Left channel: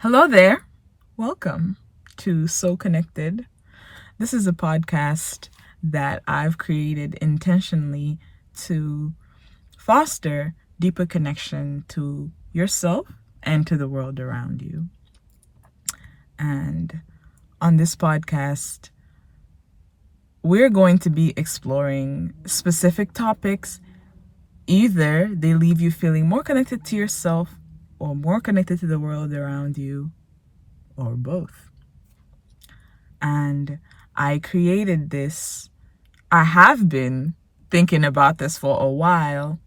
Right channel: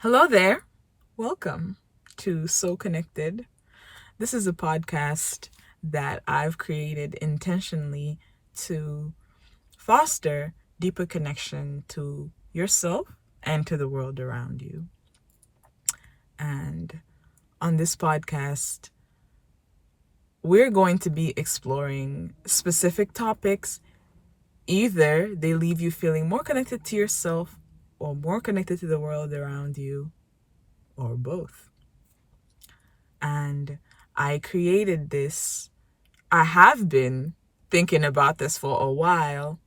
Hello there. Welcome to So Connected. This is a podcast that I've created intentionally to foster deeper connection to yourself and to the world around you. And on this podcast, we're going to be exploring specific topics. Either they leave you feeling more connected to yourself or more connected to the world around you, or both. And I created this. I have been thinking about this for a while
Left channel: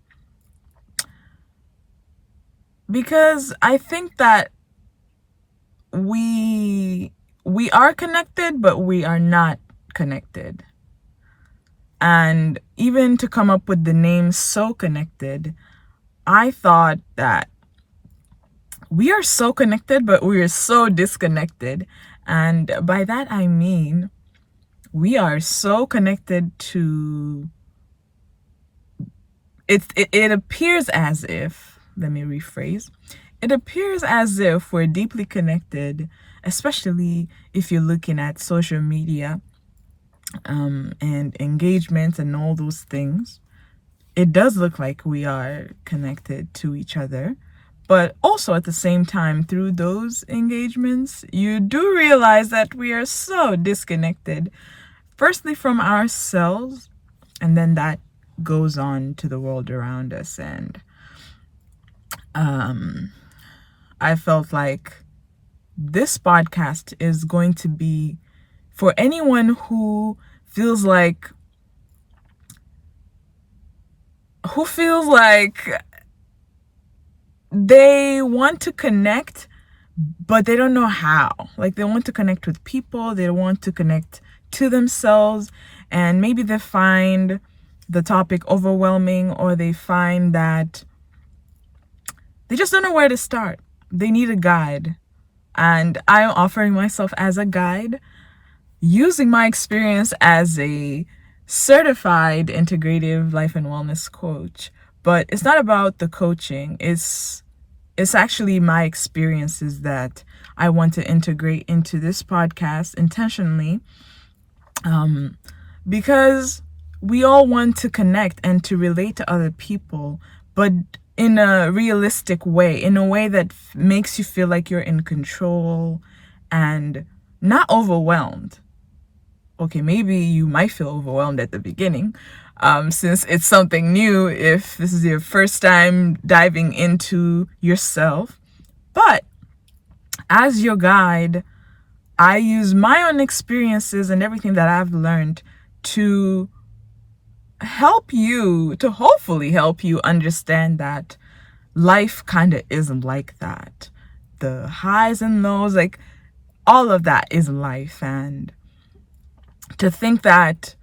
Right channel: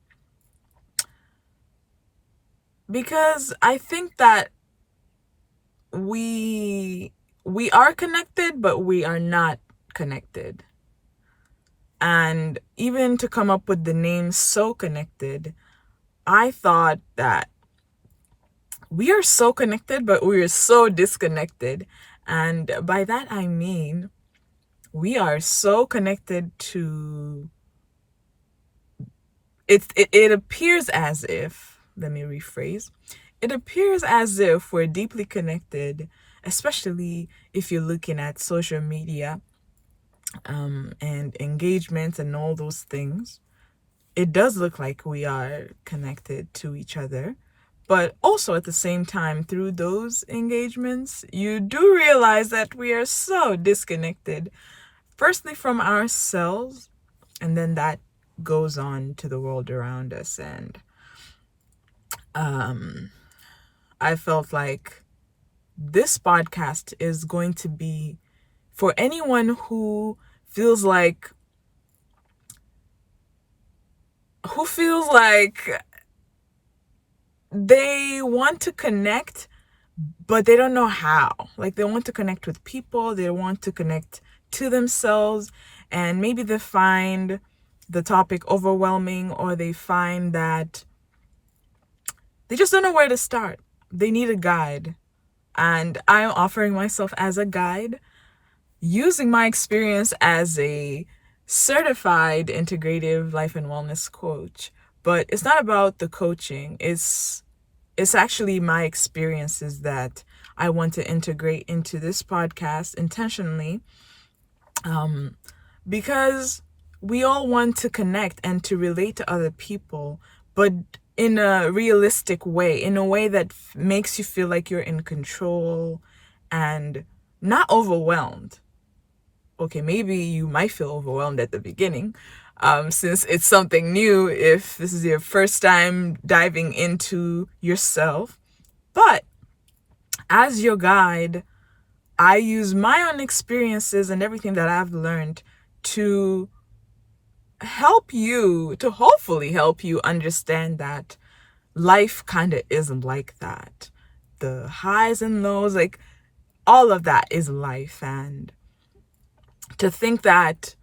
because I think that we are connected, but we are not connected. And even to come up with the name So Connected, I thought that we are so connected, but we are so disconnected. And by that I mean we are so connected to it appears as if, let me rephrase, it appears as if we're deeply connected, especially if you're looking at social media and engagements and all those things. It does look like we are connected to each other, but also at the same time, through those engagements, you do realize that we are so disconnected, firstly from ourselves, and then that goes on to the world around us. And I felt like this podcast is going to be for anyone who feels like they want to connect, but they don't know how. Like, they want to connect with people, they want to connect to themselves, and maybe they find the topic overwhelming, or they find that they just don't know where to start. They need a guide. And I'm offering myself as a guide, using my experience as a certified integrative life and wellness coach. But it's not about the coaching. It's actually my experiences that I want to integrate into this podcast intentionally, because we all want to connect and to relate to other people, but in a realistic way, in a way that makes you feel like you're in control and not overwhelmed. Okay, maybe you might feel overwhelmed at the beginning, since it's something new, if this is your first time diving into yourself. But as your guide, I use my own experiences and everything that I've learned to hopefully help you understand that life kind of isn't like that. The highs and lows, like all of that is life. And to think that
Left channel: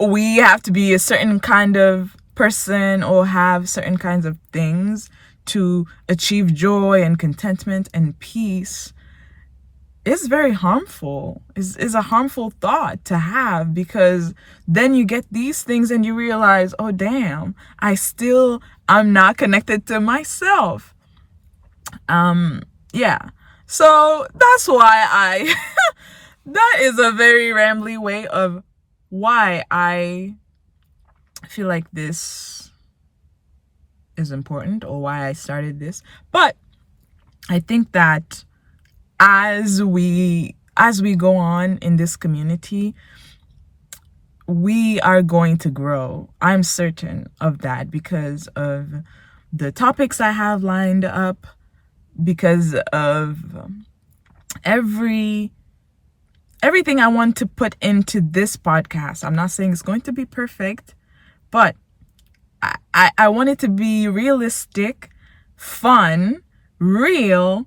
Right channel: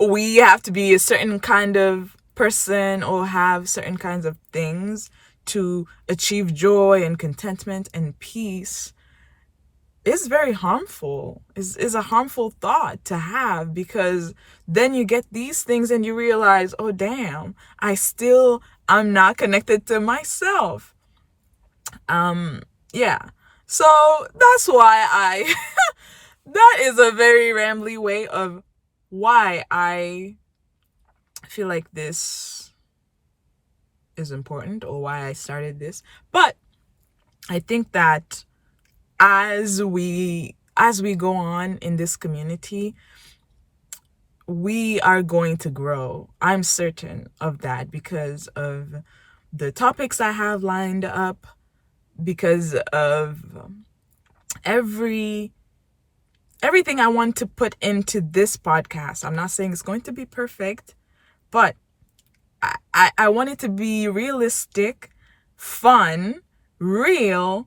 we have to be a certain kind of person or have certain kinds of things to achieve joy and contentment and peace is very harmful, is a harmful thought to have, because then you get these things and you realize, oh damn, I'm not connected to myself. Yeah. So that's why that is a very rambly way of why I feel like this is important, or why I started this. But I think that as we go on in this community, we are going to grow. I'm certain of that, because of the topics I have lined up, because of everything I want to put into this podcast. I'm not saying it's going to be perfect, but I want it to be realistic, fun, real.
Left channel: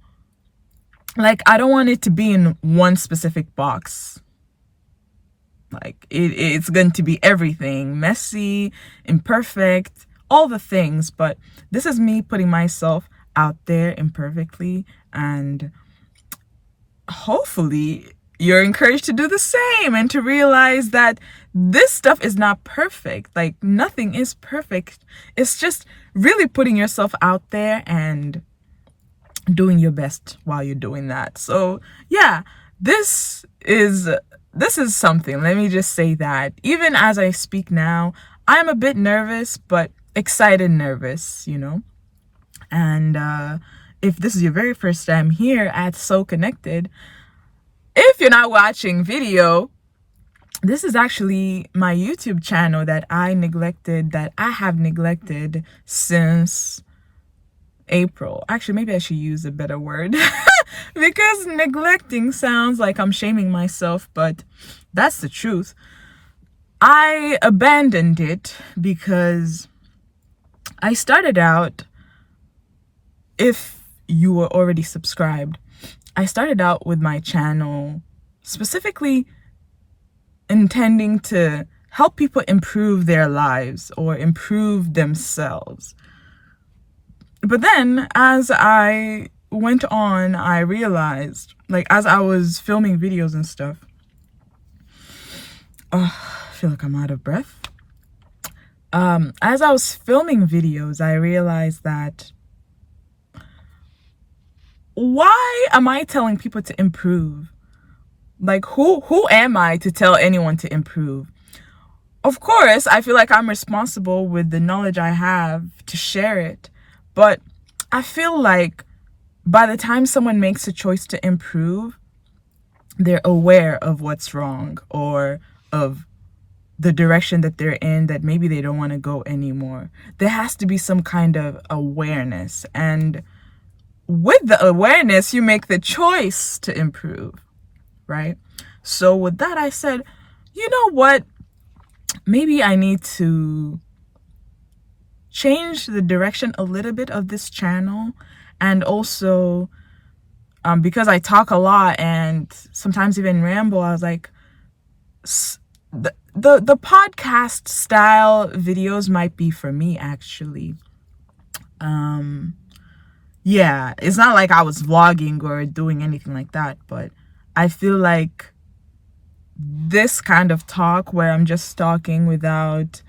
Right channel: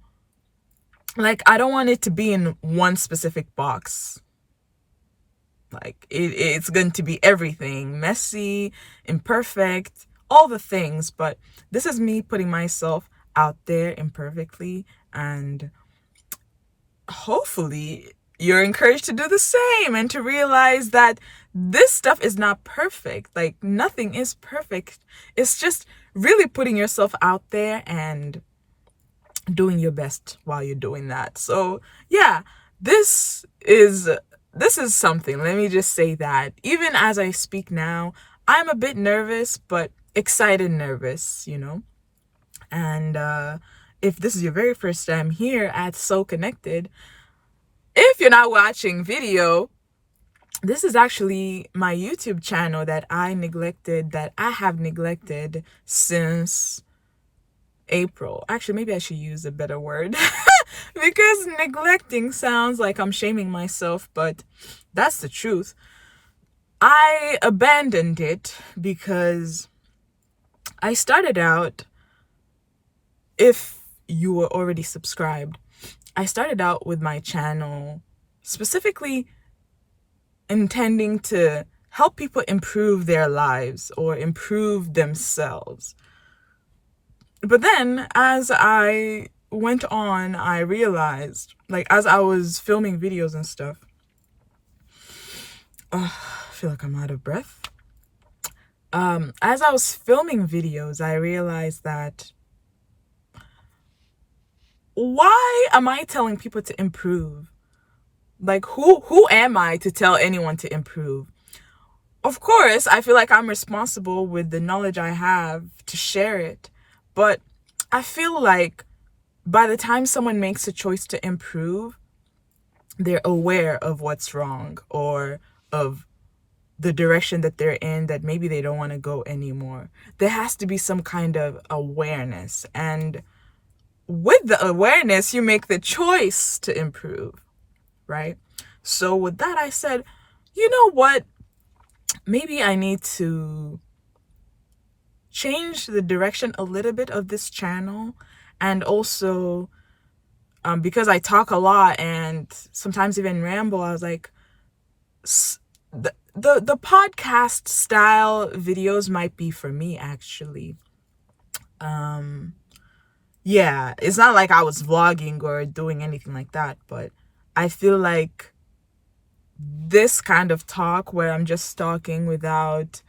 Like, I don't want it to be in one specific box. Like, it's going to be everything, messy, imperfect, all the things. But this is me putting myself out there imperfectly, and hopefully you're encouraged to do the same and to realize that this stuff is not perfect. Like, nothing is perfect. It's just really putting yourself out there and doing your best while you're doing that. So yeah, this is something. Let me just say that even as I speak now, I'm a bit nervous, but excited nervous, And if this is your very first time here at So Connected, if you're not watching video, this is actually my YouTube channel that I have neglected since April. Actually, maybe I should use a better word because neglecting sounds like I'm shaming myself, but that's the truth. I abandoned it because I started out, if you were already subscribed, I started out with my channel specifically intending to help people improve their lives or improve themselves. But then as I went on, I realized, like, as I was filming videos and stuff, I feel like I'm out of breath. As I was filming videos, I realized that why am I telling people to improve? Like, who am I to tell anyone to improve? Of course, I feel like I'm responsible with the knowledge I have to share it. But I feel like by the time someone makes a choice to improve, they're aware of what's wrong or of the direction that they're in that maybe they don't want to go anymore. There has to be some kind of awareness. And with the awareness, you make the choice to improve, right? So with that, I said, you know what? Maybe I need to change the direction a little bit of this channel. And also, because I talk a lot and sometimes even ramble, I was like, the podcast style videos might be for me, actually. Yeah, it's not like I was vlogging or doing anything like that, but I feel like this kind of talk where I'm just talking without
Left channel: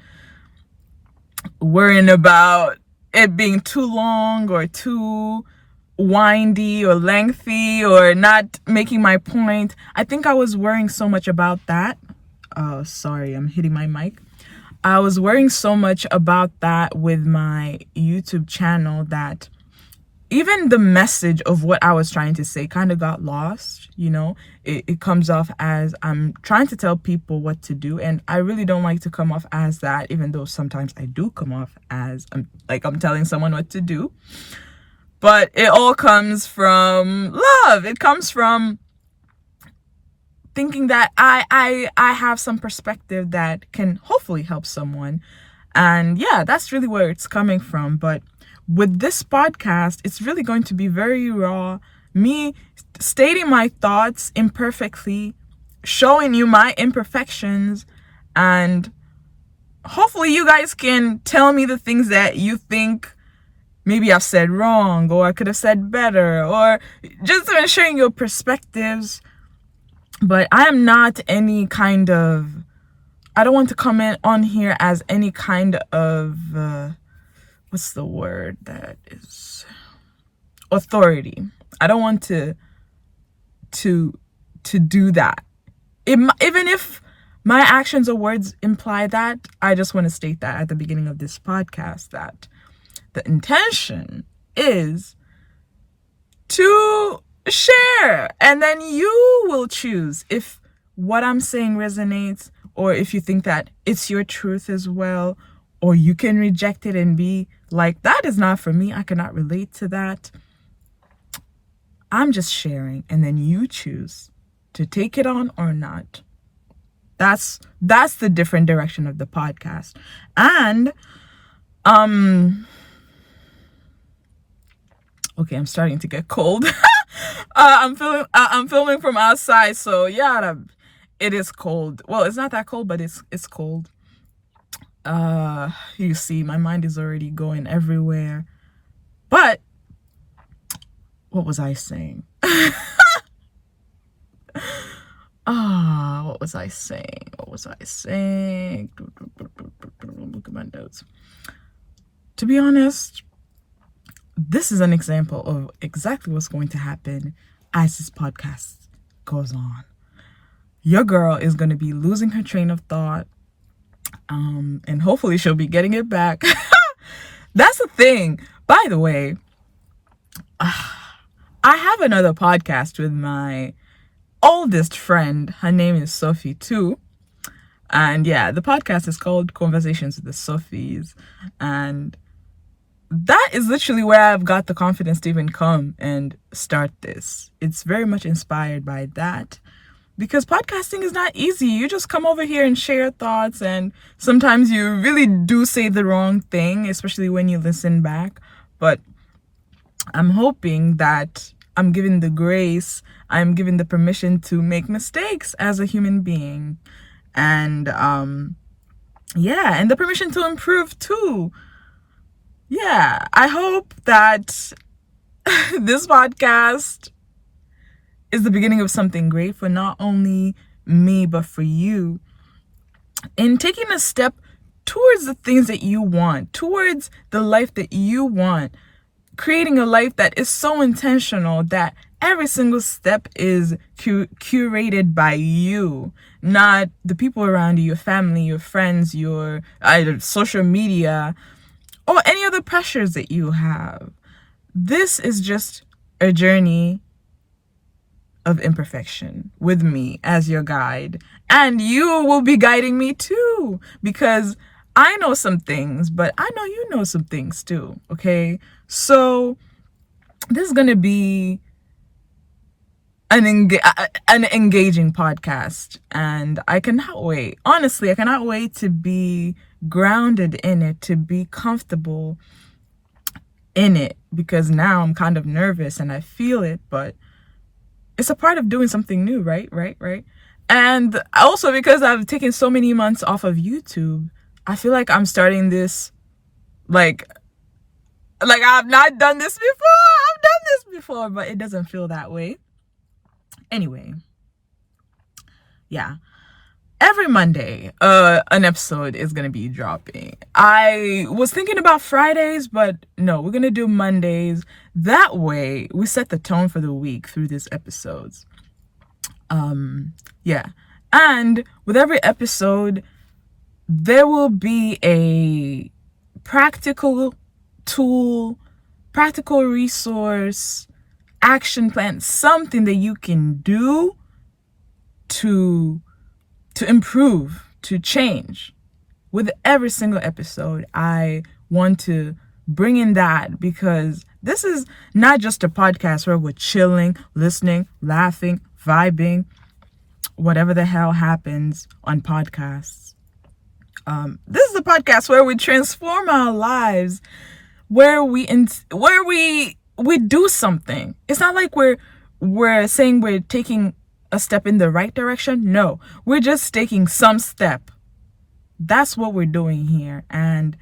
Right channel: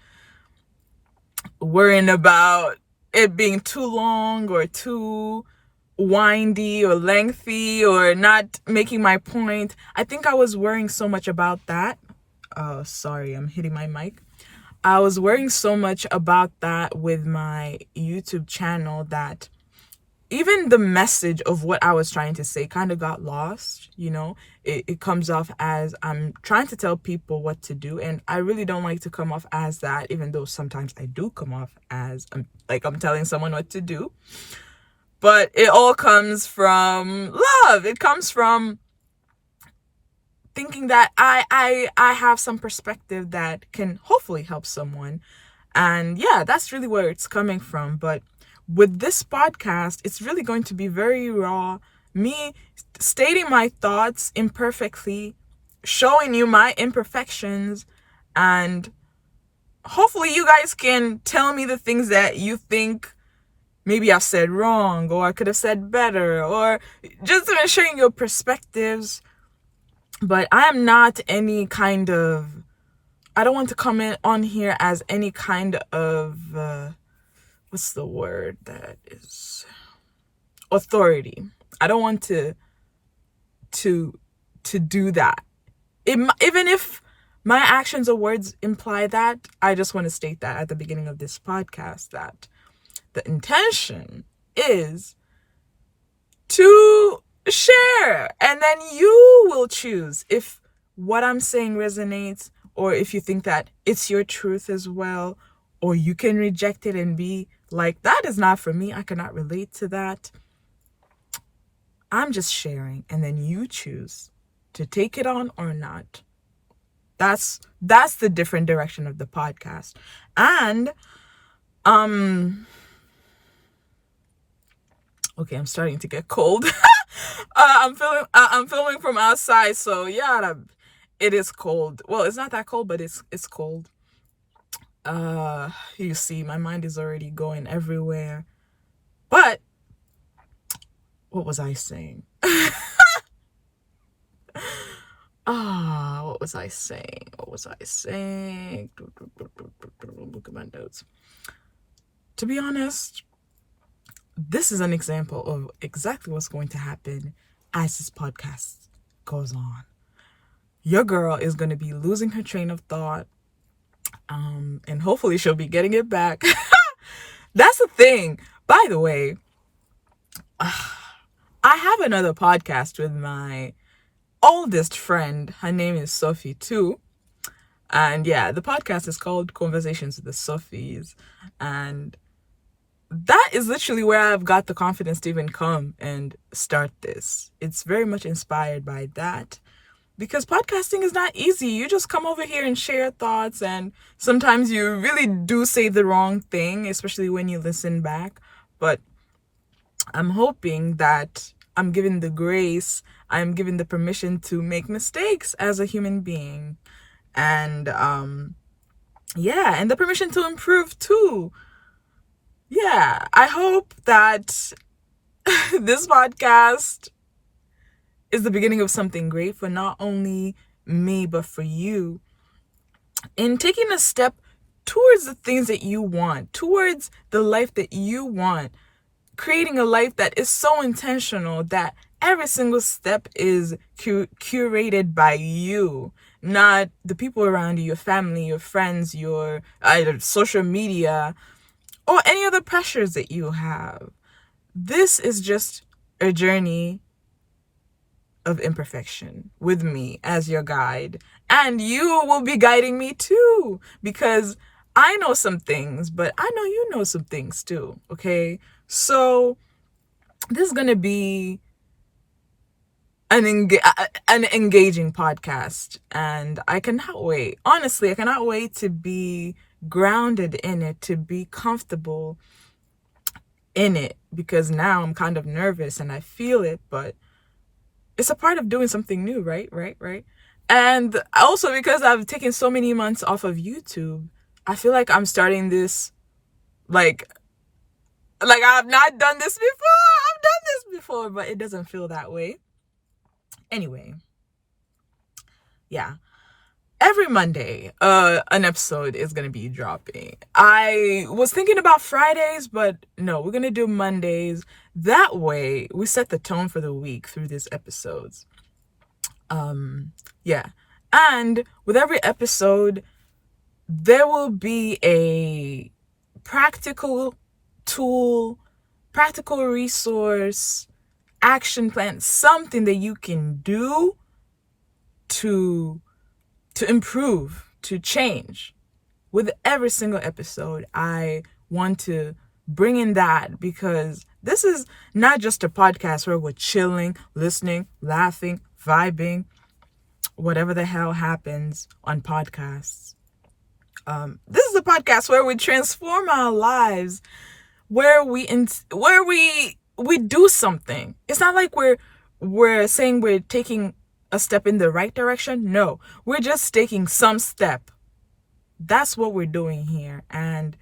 worrying about it being too long or too windy or lengthy or not making my point. I think I was worrying so much about that. Oh, sorry, I'm hitting my mic. I was worrying so much about that with my YouTube channel that even the message of what I was trying to say kind of got lost. It comes off as I'm trying to tell people what to do, and I really don't like to come off as that, even though sometimes I do come off as I'm telling someone what to do. But it all comes from love. It comes from thinking that I have some perspective that can hopefully help someone. And yeah, that's really where it's coming from. But with this podcast, it's really going to be very raw. Me stating my thoughts imperfectly, showing you my imperfections, and hopefully you guys can tell me the things that you think maybe I've said wrong or I could have said better, or just sharing your perspectives. But I am not any kind of, I don't want to comment on here as any kind of, what's the word that is, authority. I don't want to do that. Even if my actions or words imply that, I just want to state that at the beginning of this podcast, that the intention is to share, and then you will choose if what I'm saying resonates, or if you think that it's your truth as well, or you can reject it and be like, that is not for me, I cannot relate to that. I'm just sharing, and then you choose to take it on or not. That's the different direction of the podcast. And okay, I'm starting to get cold. I'm filming from outside, so yeah, it is cold. Well, it's not that cold, but it's cold. You see, my mind is already going everywhere. But what was I saying? What was I saying? Look at my notes. To be honest, this is an example of exactly what's going to happen as this podcast goes on. Your girl is going to be losing her train of thought, and hopefully she'll be getting it back. That's the thing. By the way, I have another podcast with my oldest friend. Her name is Sophie too. And yeah, the podcast is called Conversations with the Sophies. And that is literally where I've got the confidence to even come and start this. It's very much inspired by that, because podcasting is not easy. You just come over here and share thoughts, and sometimes you really do say the wrong thing, especially when you listen back. But I'm hoping that I'm given the grace, I'm given the permission to make mistakes as a human being. And and the permission to improve too. Yeah, I hope that this podcast is the beginning of something great for not only me, but for you, in taking a step towards the things that you want, towards the life that you want, creating a life that is so intentional that every single step is curated by you, not the people around you, your family, your friends, your either social media, or any other pressures that you have. This is just a journey of imperfection with me as your guide. And you will be guiding me too, because I know some things, but I know you know some things too, okay? So this is going to be an engaging podcast, and I cannot wait. Honestly, I cannot wait to be grounded in it, to be comfortable in it, because now I'm kind of nervous and I feel it, but it's a part of doing something new, right? And also because I've taken so many months off of YouTube, I feel like I'm starting this like I've not done this before. I've done this before, but it doesn't feel that way. Anyway, yeah. Every Monday, an episode is going to be dropping. I was thinking about Fridays, but no, we're going to do Mondays. That way, we set the tone for the week through these episodes. Yeah. And with every episode, there will be a practical tool, practical resource, action plan, something that you can do to improve, to change. With every single episode, I want to bring in that, because this is not just a podcast where we're chilling, listening, laughing, vibing, whatever the hell happens on podcasts. This is a podcast where we transform our lives, where we do something. It's not like we're saying we're taking a step in the right direction. No, we're just taking some step. That's what we're doing here. And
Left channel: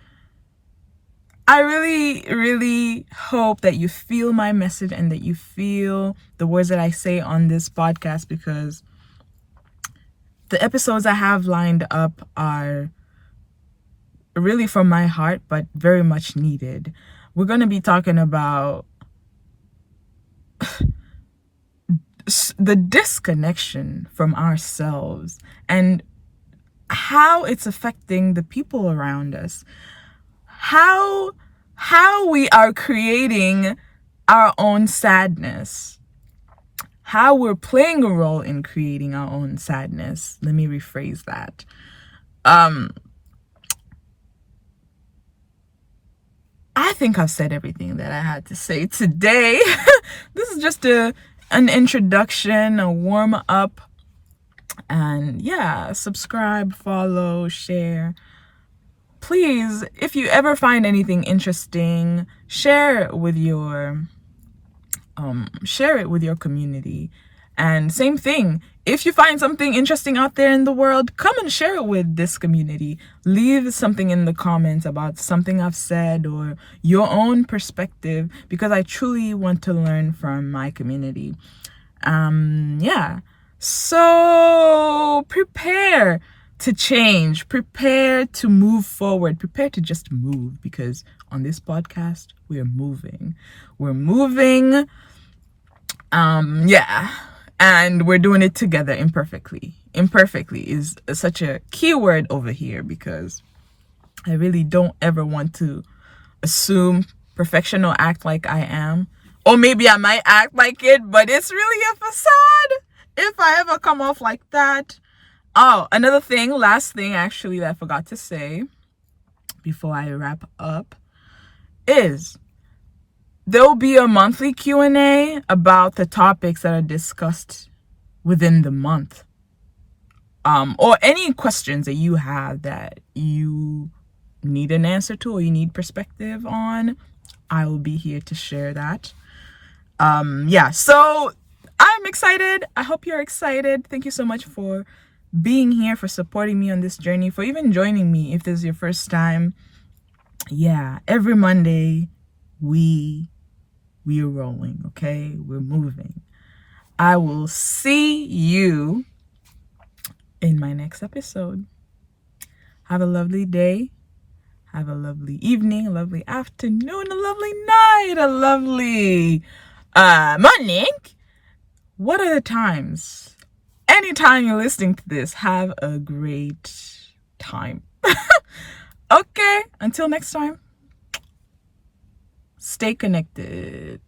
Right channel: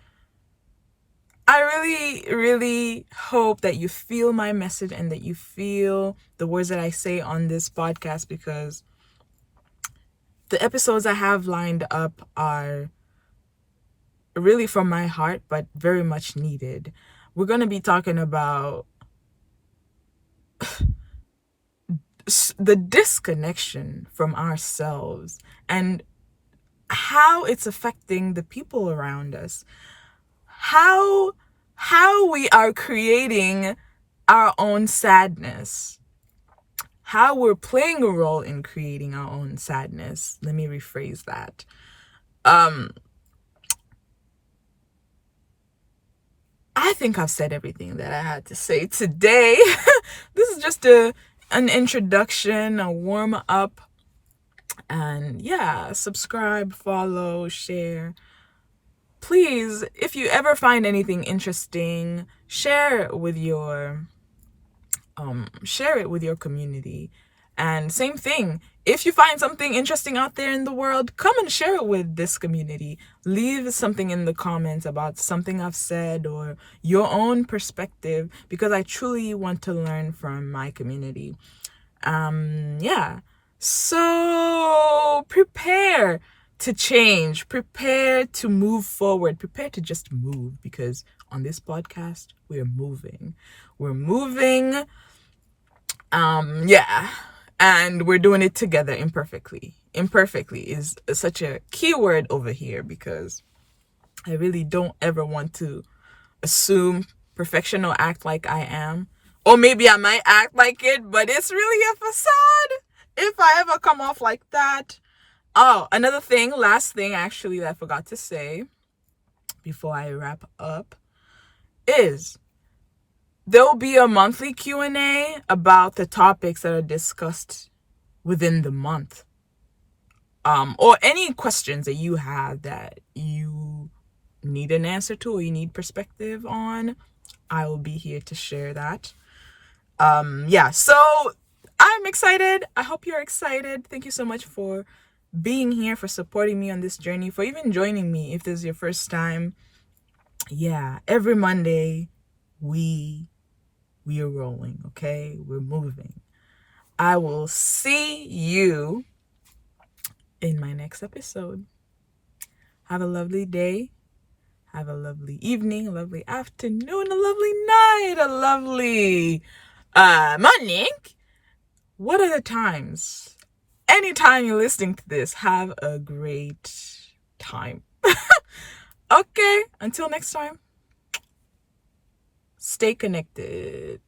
I really, really hope that you feel my message and that you feel the words that I say on this podcast, because the episodes I have lined up are really from my heart, but very much needed. We're going to be talking about the disconnection from ourselves and how it's affecting the people around us, how we are creating our own sadness, how we're playing a role in creating our own sadness. Let me rephrase that. I think I've said everything that I had to say today. This is just an introduction, a warm up. And yeah, subscribe, follow, share. Please, if you ever find anything interesting, share it with your community. And same thing, if you find something interesting out there in the world, come and share it with this community. Leave something in the comments about something I've said or your own perspective, because I truly want to learn from my community. Yeah. So prepare to change, prepare to move forward, prepare to just move, because on this podcast, we're moving. We're moving. Yeah. And we're doing it together imperfectly. Imperfectly is such a key word over here, because I really don't ever want to assume perfection or act like I am. Or maybe I might act like it, but it's really a facade. If I ever come off like that. Oh, another thing, last thing actually that I forgot to say before I wrap up is there will be a monthly Q&A about the topics that are discussed within the month. Or any questions that you have that you need an answer to or you need perspective on. I will be here to share that. Yeah, so I'm excited. I hope you're excited. Thank you so much for being here, for supporting me on this journey, for even joining me if this is your first time. Yeah, every Monday we are rolling, okay? We're moving. I will see you in my next episode. Have a lovely day. Have a lovely evening, a lovely afternoon, a lovely night, a lovely morning. What are the times? Anytime you're listening to this, have a great time. Okay, until next time, stay connected.